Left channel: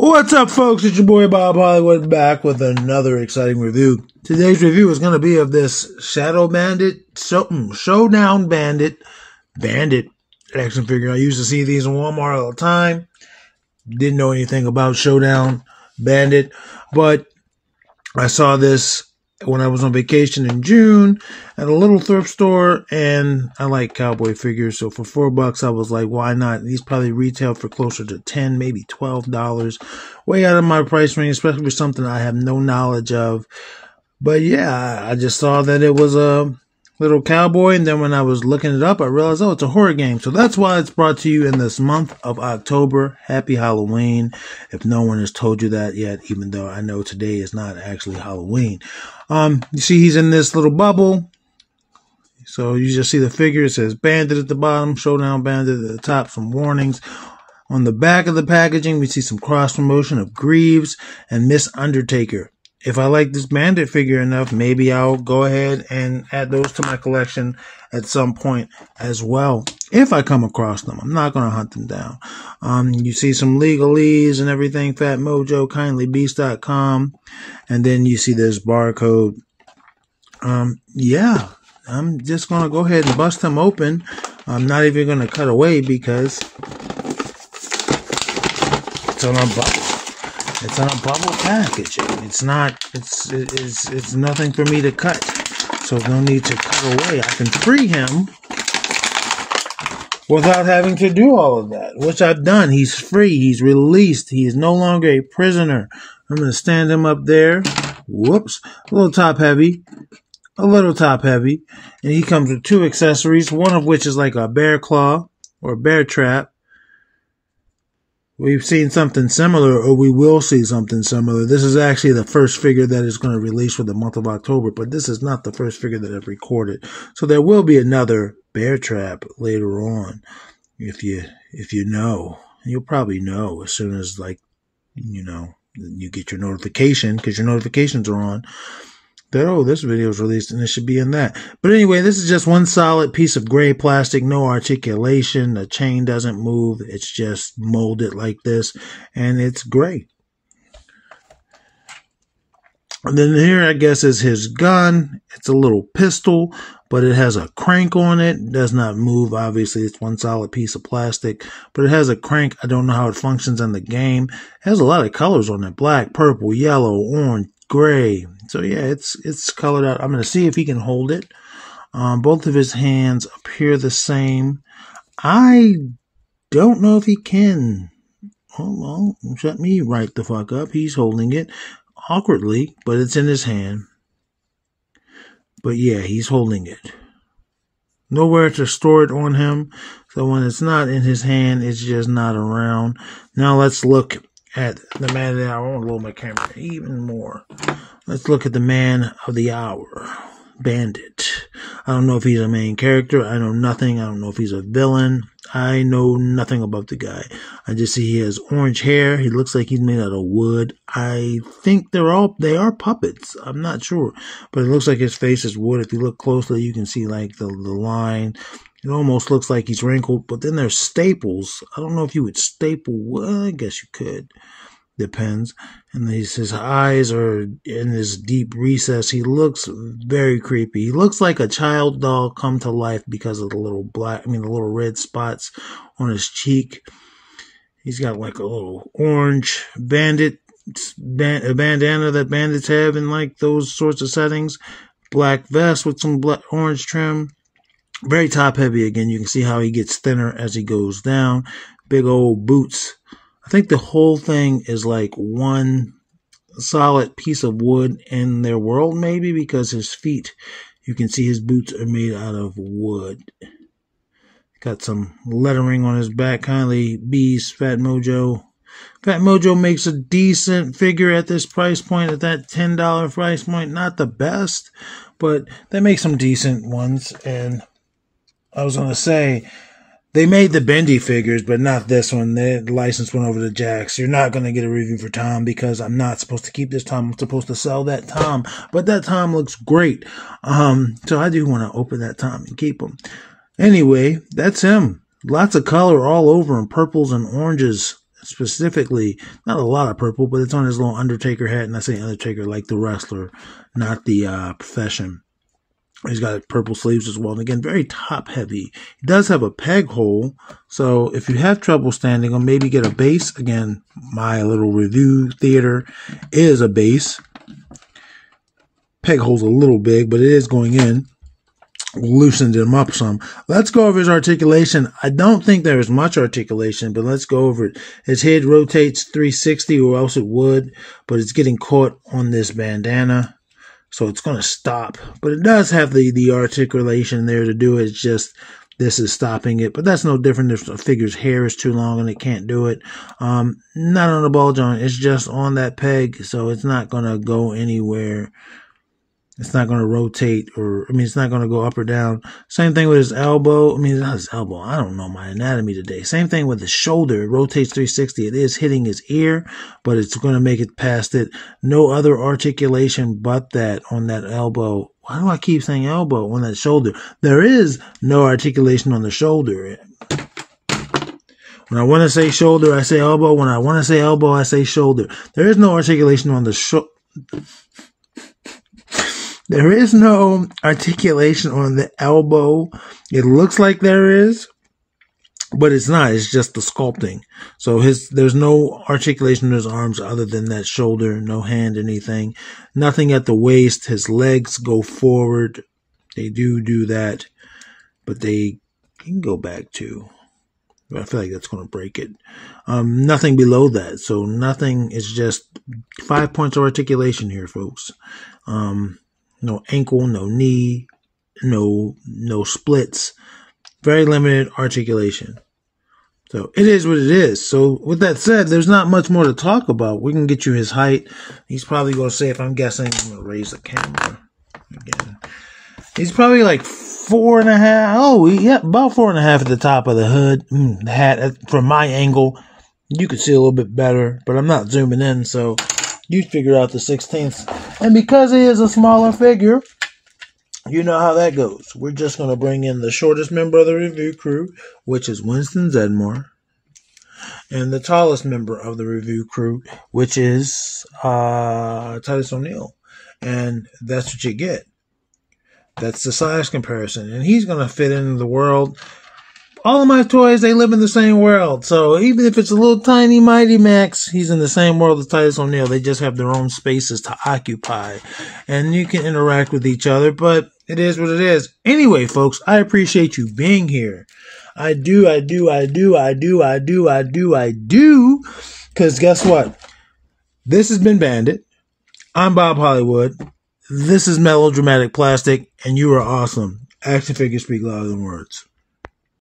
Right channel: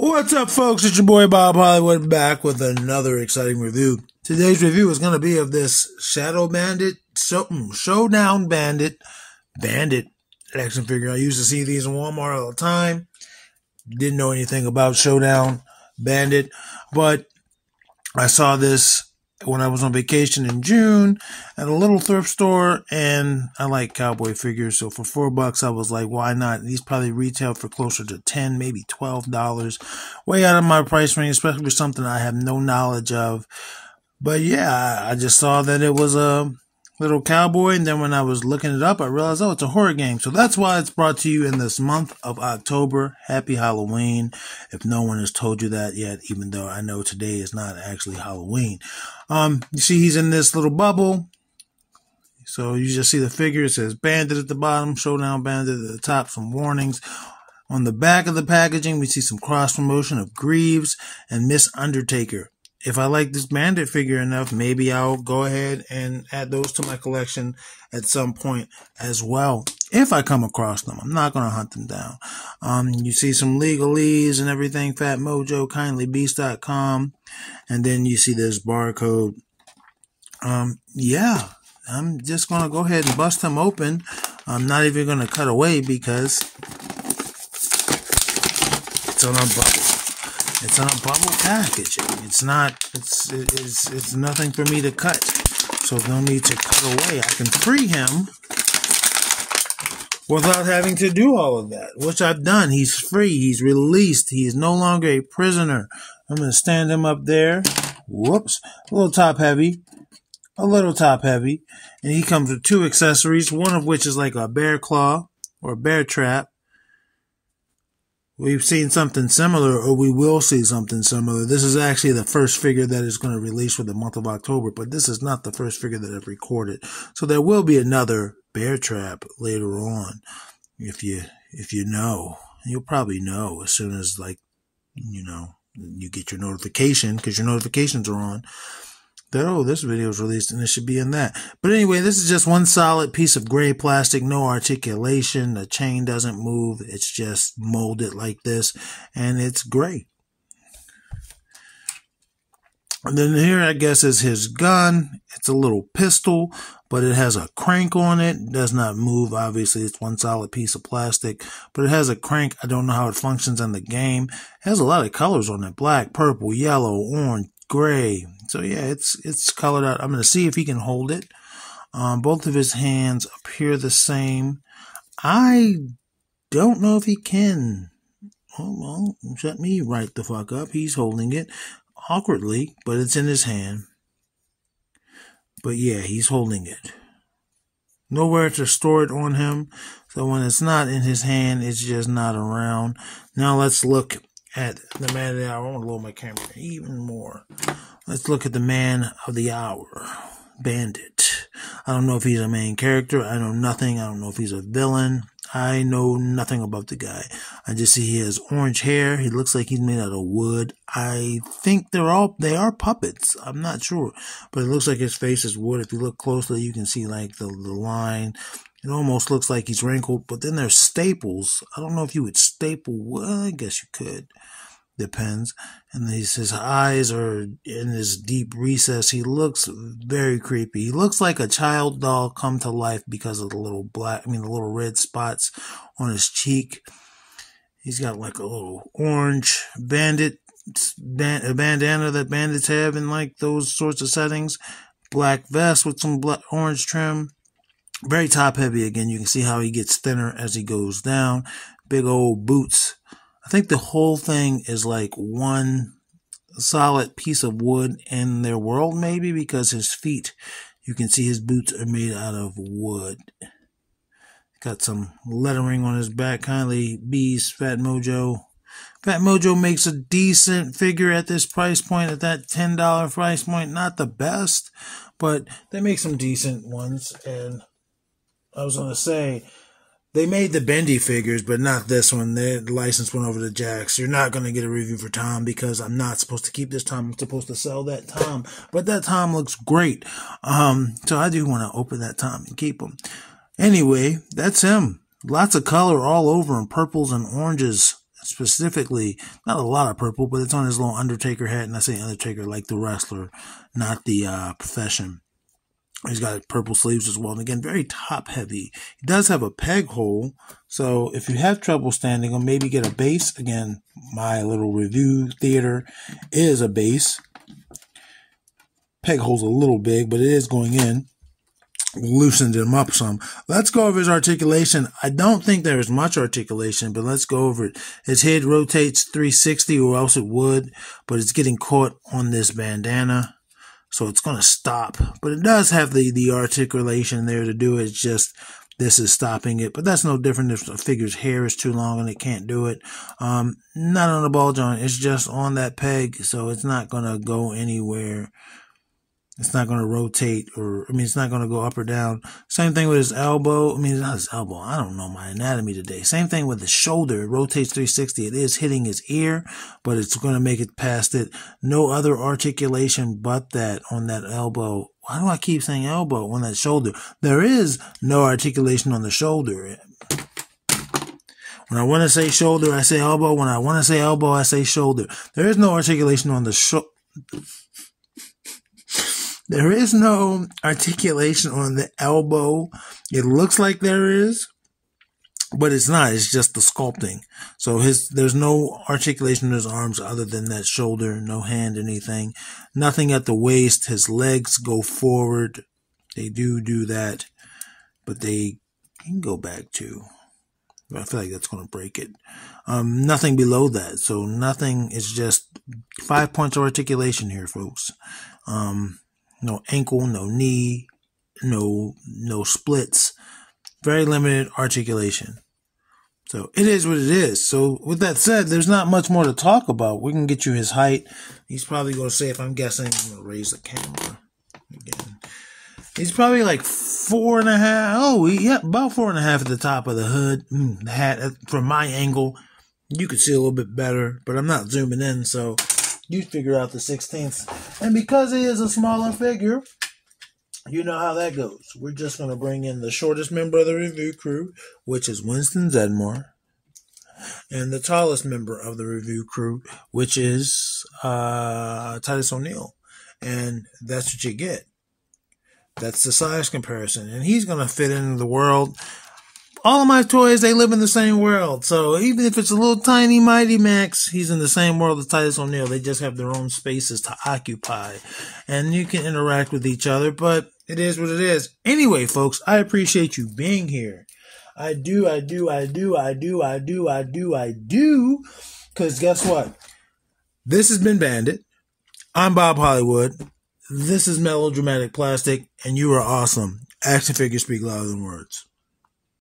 What's up, folks? It's your boy Bob Hollywood back with another exciting review. Today's review is going to be of this Showdown Bandit action figure. I used to see these in Walmart all the time. Didn't know anything about Showdown Bandit, but I saw this when I was on vacation in June at a little thrift store, and I like cowboy figures, so for $4 I was like, why not? These probably retail for closer to $10, maybe $12, way out of my price range, especially for something I have no knowledge of. But yeah, I just saw that it was a little cowboy, and then when I was looking it up, I realized, oh, it's a horror game. So that's why it's brought to you in this month of October. Happy Halloween, if no one has told you that yet, even though I know today is not actually Halloween. You see he's in this little bubble. So you just see the figure. It says Bandit at the bottom, Showdown Bandit at the top, some warnings. On the back of the packaging, we see some cross promotion of Greaves and Miss Undertaker. If I like this Bandit figure enough, maybe I'll go ahead and add those to my collection at some point as well, if I come across them. I'm not going to hunt them down. You see some legalese and everything, PhatMojo, kindlybeast.com, and then you see this barcode. Yeah, I'm just going to go ahead and bust them open. I'm not even going to cut away because it's on a bubble. It's on a bubble packaging. It's nothing for me to cut. So no need to cut away. I can free him without having to do all of that, which I've done. He's free. He's released. He is no longer a prisoner. I'm going to stand him up there. Whoops. A little top heavy. And he comes with two accessories, one of which is like a bear claw or bear trap. We've seen something similar, or we will see something similar. This is actually the first figure that is going to release for the month of October, but this is not the first figure that I've recorded. So there will be another bear trap later on, if you know. You'll probably know as soon as, like, you get your notification, because your notifications are on, that, oh, this video is released and it should be in that. But anyway, this is just one solid piece of gray plastic, no articulation. The chain doesn't move. It's just molded like this, and it's gray. And then here, I guess, is his gun. It's a little pistol, but it has a crank on it. It does not move, obviously. It's one solid piece of plastic, but it has a crank. I don't know how it functions in the game. It has a lot of colors on it: black, purple, yellow, orange, gray. So yeah, it's colored out. I'm going to see if he can hold it. Both of his hands appear the same. I don't know if he can. Hold on, shut me right the fuck up. He's holding it awkwardly, but it's in his hand. But yeah, he's holding it. Nowhere to store it on him. So when it's not in his hand, it's just not around. Now let's look at the man of the hour. I want to lower my camera even more. Let's look at the man of the hour, Bandit. I don't know if he's a main character. I know nothing. I don't know if he's a villain. I know nothing about the guy. I just see he has orange hair. He looks like he's made out of wood. I think they are puppets. I'm not sure, but it looks like his face is wood. If you look closely, you can see like the line. It almost looks like he's wrinkled, but then there's staples. I don't know if you would staple wood. I guess you could. Depends. And his eyes are in this deep recess. He looks very creepy. He looks like a child doll come to life because of the little red spots on his cheek. He's got like a little orange bandana that bandits have in like those sorts of settings. Black vest with some orange trim. Very top heavy again. You can see how he gets thinner as he goes down. Big old boots. I think the whole thing is like one solid piece of wood in their world, maybe, because his feet, you can see his boots are made out of wood. Got some lettering on his back. Kindly Beast, PhatMojo. PhatMojo makes a decent figure at this price point, at that $10 price point. Not the best, but they make some decent ones. And I was going to say, they made the bendy figures, but not this one. The license went over to Jax. You're not going to get a review for Tom because I'm not supposed to keep this Tom. I'm supposed to sell that Tom. But that Tom looks great. So I do want to open that Tom and keep him. Anyway, that's him. Lots of color all over him. Purples and oranges specifically, not a lot of purple, but it's on his little Undertaker hat. And I say Undertaker like the wrestler, not the profession. He's got purple sleeves as well. And again, very top heavy. He does have a peg hole. So if you have trouble standing him, maybe get a base. Again, my little review theater is a base. Peg hole's a little big, but it is going in. Loosened him up some. Let's go over his articulation. I don't think there is much articulation, but let's go over it. His head rotates 360, or else it would, but it's getting caught on this bandana. So it's going to stop, but it does have the articulation there to do it. It's just this is stopping it, but that's no different if a figure's hair is too long and it can't do it. Not on the ball joint. It's just on that peg, so it's not going to go anywhere. It's not going to rotate, it's not going to go up or down. Same thing with his elbow. Not his elbow. I don't know my anatomy today. Same thing with his shoulder. It rotates 360. It is hitting his ear, but it's going to make it past it. No other articulation but that on that elbow. Why do I keep saying elbow on that shoulder? There is no articulation on the shoulder. When I want to say shoulder, I say elbow. When I want to say elbow, I say shoulder. There is no articulation on the shoulder. There is no articulation on the elbow. It looks like there is, but it's not. It's just the sculpting. So there's no articulation in his arms other than that shoulder, no hand, anything. Nothing at the waist. His legs go forward. They do that, but they can go back too. I feel like that's going to break it. Nothing below that. So nothing. It's just 5 points of articulation here, folks. No ankle, no knee, no splits. Very limited articulation. So it is what it is. So with that said, there's not much more to talk about. We can get you his height. He's probably going to say, if I'm guessing, I'm going to raise the camera again. He's probably like 4.5. Oh, yeah, about 4.5 at the top of the hood. The hat, from my angle, you could see a little bit better, but I'm not zooming in, so you figure out the 16th. And because he is a smaller figure, you know how that goes. We're just going to bring in the shortest member of the review crew, which is Winston Zedmore, and the tallest member of the review crew, which is Titus O'Neil. And that's what you get. That's the size comparison. And he's going to fit into the world. All of my toys, they live in the same world. So even if it's a little tiny Mighty Max, he's in the same world as Titus O'Neil. They just have their own spaces to occupy. And you can interact with each other, but it is what it is. Anyway, folks, I appreciate you being here. I do. Because guess what? This has been Bandit. I'm Bob Hollywood. This is Melodramatic Plastic, and you are awesome. Action figures speak louder than words.